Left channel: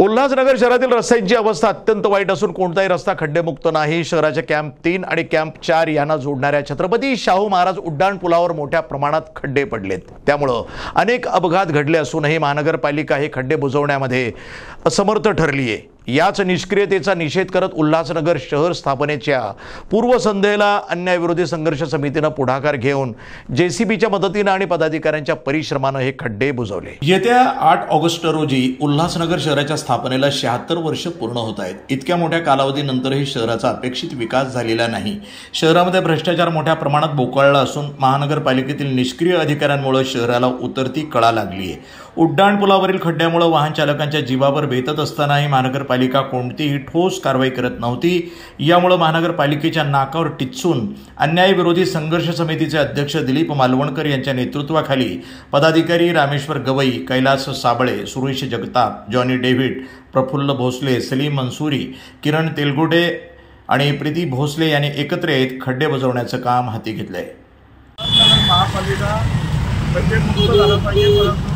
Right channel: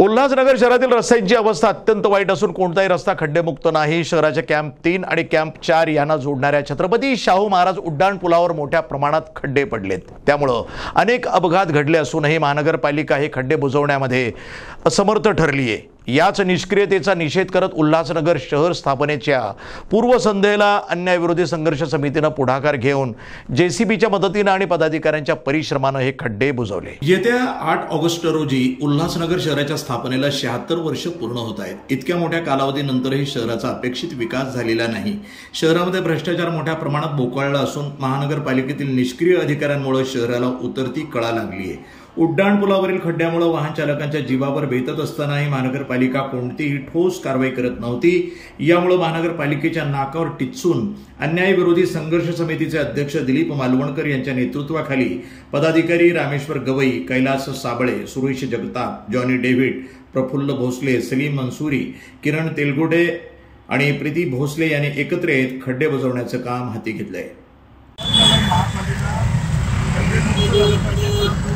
उल्हासनगर शहरातील रस्त्यांची अवस्था अत्यंत वाईट असून कोणताही रस्ता खड्डेमुक्त नाही। शहराच्या कॅम्प 3 आणि कॅम्प 4 यांना जोडणाऱ्या छत्रपती शाहू महाराज उड्डाण पुलावर मोठ्या प्रमाणात खड्डे पडलेत। त्यामुळे अनेक अपघात घडले असूनही महानगरपालिका हे खड्डे बुजवण्यामध्ये असमर्थ ठरली आहे। याच निष्क्रियतेचा निषेध करत उल्हासनगर शहर स्थापनेच्या पूर्वसंध्येला अन्यायविरोधी संघर्ष समितीने पुढाकार घेऊन जेसीबीच्या मदतीने आणि पदाधिकाऱ्यांच्या परिश्रमाने हे खड्डे बुजवले। येत्या 8 ऑगस्ट रोजी उल्हासनगर शहराच्या स्थापनेला 76 वर्ष पूर्ण होत आहेत। इतक्या मोठ्या कालावधीनंतरही शहराचा अपेक्षित विकास झालेला नाही। शहरामध्ये भ्रष्टाचार मोठ्या प्रमाणात बोकाळला असून महानगरपालिकेतील निष्क्रिय अधिकाऱ्यांमुळे शहराला उतरती कळा लागली आहे। उड्डाण पुलावरील खड्ड्यामुळे वाहन चालकांच्या जीवावर बेतत असतानाही महानगरपालिका कोणतीही ठोस कारवाई करत नव्हती। यामुळे महानगरपालिकेच्या नाकावर टिच्चून अन्यायविरोधी संघर्ष समितीचे अध्यक्ष दिलीप मालवणकर यांच्या नेतृत्वाखाली पदाधिकारी रामेश्वर गवई, कैलास साबळे, सुरेश जगताप, जॉनी डेव्हिड, प्रफुल्ल भोसले, सलीम मंसूरी, किरण तेलगोटे आणि प्रीती भोसले यांनी एकत्र येत खड्डे बुजवण्याचं काम हाती घेतलंय। महापालिका खड्डेमुक्त झालं पाहिजे, परंतु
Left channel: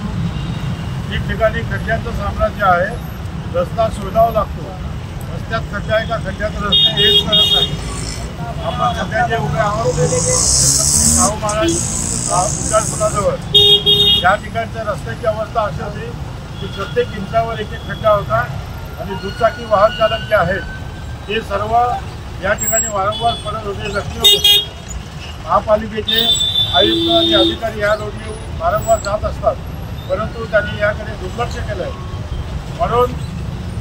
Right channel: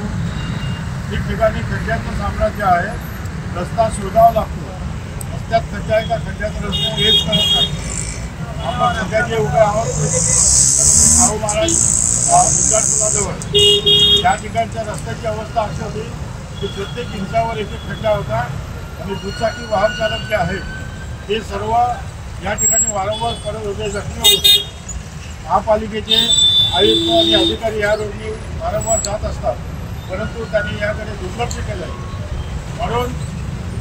ठिकठिकाणी खड्ड्यांचं साम्राज्य आहे। रस्ता शोधावा लागतो, रस्त्यात खड्डा आहे का खड्ड्यात रस्ते हेच करत नाही। आपण सध्या जे उभे आहोत ते शाहू महाराज उड्डाण पुलाजवळ या ठिकाणच्या रस्त्याची अवस्था अशी होती की प्रत्येक इंचावर एक एक खड्डा होता आणि दुचाकी वाहन चालक जे आहेत ते सर्व या ठिकाणी वारंवार पडत होते, जखमी होते। महापालिकेचे आयुक्त आणि अधिकारी या रोडने वारंवार जात असतात, परंतु त्यांनी याकडे दुर्लक्ष केलं आहे। म्हणून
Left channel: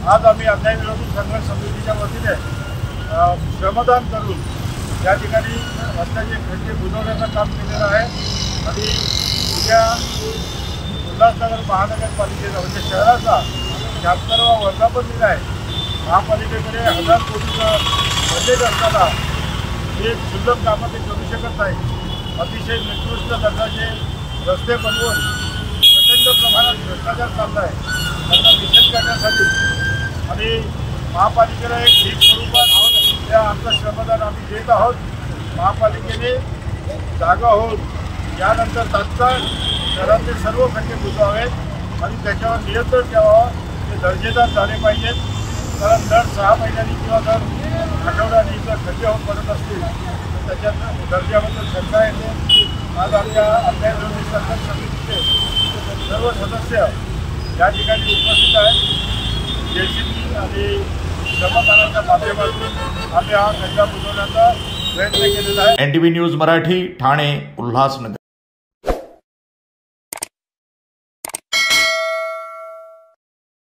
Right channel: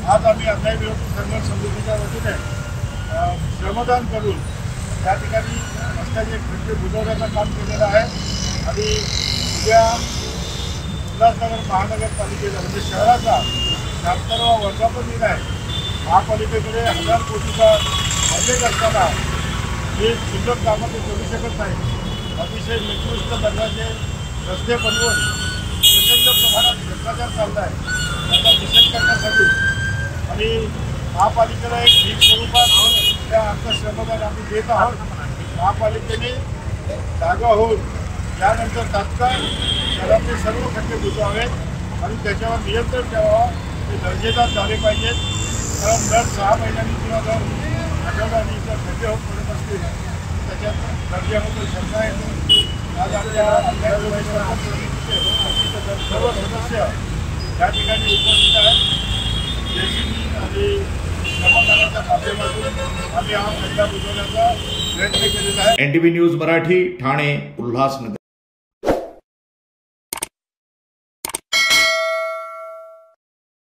आज आम्ही अन्यायविरोधी संघर्ष समितीच्या वतीने श्रमदान करून या ठिकाणी रस्त्याचे खड्डे बुजवण्याचं काम केलेलं आहे आणि उद्या उल्हासनगर महानगरपालिकेचा म्हणजे शहराचा 76वा वर्धापन दिन आहे। महापालिकेकडे 1000 कोटीचा बजेट असताना हे क्षुल्लक कामं ते करू शकत नाही। अतिशय निकृष्ट दर्जाचे रस्ते बनवून प्रचंड प्रमाणात भ्रष्टाचार चालला आहे, त्याचा निषेध करण्यासाठी आणि महापालिकेला एक भीक स्वरूपात त्या आमचं श्रमदान आम्ही देत आहोत। महापालिकेने जागा होऊन यानंतर तात्काळ शहरातले सर्व खड्डे बुजवावेत आणि त्याच्यावर नियंत्रण ठेवावं। ते दर्जेदार झाले पाहिजेत, कारण दर 6 महिन्यांनी किंवा दर आठवड्यानी जर खड्डे होऊन पडत असतील तर त्याच्या दर्जाबद्दल शंका येते। आज आपल्या अन्यायविरोधी संघर्ष समितीचे सर्व सदस्य या ठिकाणी उपस्थित आहेत। जेसीबी आणि श्रमदानाच्या माध्यमातून आम्ही हा खड्डा बुजवण्याचा प्रयत्न केलेला आहे। NTV news Marathi, Thane, Ulhasnagar.